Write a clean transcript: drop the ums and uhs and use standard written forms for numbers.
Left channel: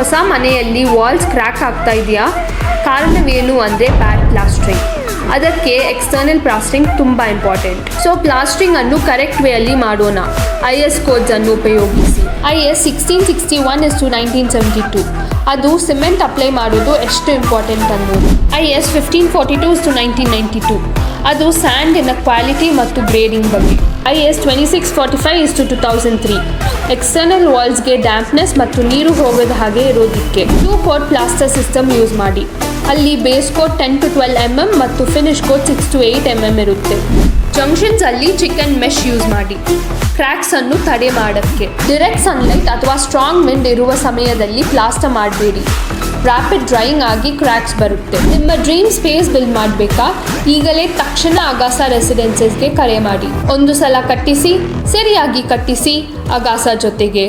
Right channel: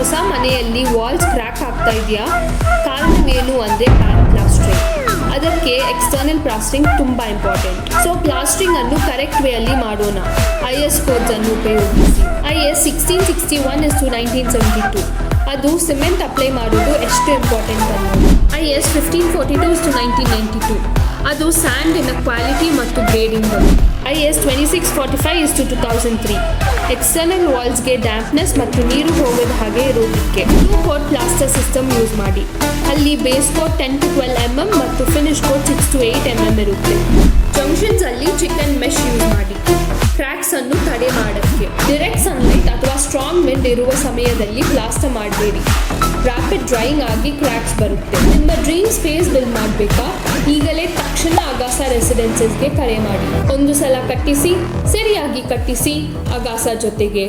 ಹೊಸ ಮನೆಯಲ್ಲಿ walls crack ಆಗ್ತಾ ಇದೆಯಾ? ಕಾರಣವೇನು ಅಂದರೆ ಬ್ಯಾಡ್ ಪ್ಲಾಸ್ಟ್ರಿಂಗ್. ಅದಕ್ಕೆ ಎಕ್ಸ್ಟರ್ನಲ್ ಪ್ಲಾಸ್ಟ್ರಿಂಗ್ ತುಂಬ ಇಂಪಾರ್ಟೆಂಟ್. ಸೊ ಪ್ಲಾಸ್ಟ್ರಿಂಗ್ ಅನ್ನು ಕರೆಕ್ಟ್ ವೇಯಲ್ಲಿ ಮಾಡೋಣ. IS ಕೋಡ್ಸ್ ಅನ್ನು ಉಪಯೋಗಿಸಿ. IS 1661:1972 ಅದು ಸಿಮೆಂಟ್ ಅಪ್ಲೈ ಮಾಡೋದು ಎಷ್ಟು ಇಂಪಾರ್ಟೆಂಟ್ ಅನ್ನೋದು. IS 1542:1992 ಅದು ಸ್ಯಾಂಡಿನ ಕ್ವಾಲಿಟಿ ಮತ್ತು ಗ್ರೇಡಿಂಗ್ ಬಗ್ಗೆ. IS 2645:2003 ಎಕ್ಸ್ಟರ್ನಲ್ ವಾಲ್ಸ್ಗೆ ಡ್ಯಾಂಪ್ನೆಸ್ ಮತ್ತು ನೀರು ಹೋಗದ ಹಾಗೆ ಇರೋದಕ್ಕೆ. 2 ಕೋಟ್ ಪ್ಲಾಸ್ಟರ್ ಸಿಸ್ಟಮ್ ಯೂಸ್ ಮಾಡಿ. ಅಲ್ಲಿ ಬೇಸ್ ಕೋಟ್ 10 to 12 mm ಮತ್ತು ಫಿನಿಶ್ ಕೋಟ್ 6 to 8 mm ಇರುತ್ತೆ. ಜಂಕ್ಷನ್ಸ್ ಅಲ್ಲಿ ಚಿಕನ್ ಮೆಶ್ ಯೂಸ್ ಮಾಡಿ ಕ್ರ್ಯಾಕ್ಸ್ ಅನ್ನು ತಡೆ ಮಾಡೋಕ್ಕೆ. ಡೈರೆಕ್ಟ್ ಸನ್ಲೈಟ್ ಅಥವಾ ಸ್ಟ್ರಾಂಗ್ ವಿಂಡ್ ಇರುವ ಸಮಯದಲ್ಲಿ ಪ್ಲಾಸ್ಟರ್ ಮಾಡಬೇಡಿ. ರ್ಯಾಪಿಡ್ ಡ್ರೈಯಿಂಗ್ ಆಗಿ ಕ್ರ್ಯಾಕ್ಸ್ ಬರುತ್ತೆ. ನಿಮ್ಮ ಡ್ರೀಮ್ ಸ್ಪೇಸ್ ಬಿಲ್ಡ್ ಮಾಡಬೇಕಾ? ಈಗಲೇ ತಕ್ಷಣ ಅಗಾಸ ರೆಸಿಡೆನ್ಸಸ್ಗೆ ಕರೆ ಮಾಡಿ. ಒಂದು ಸಲ ಕಟ್ಟಿಸಿ, ಸರಿಯಾಗಿ ಕಟ್ಟಿಸಿ ಅಗಾಸ ಜೊತೆಗೆ.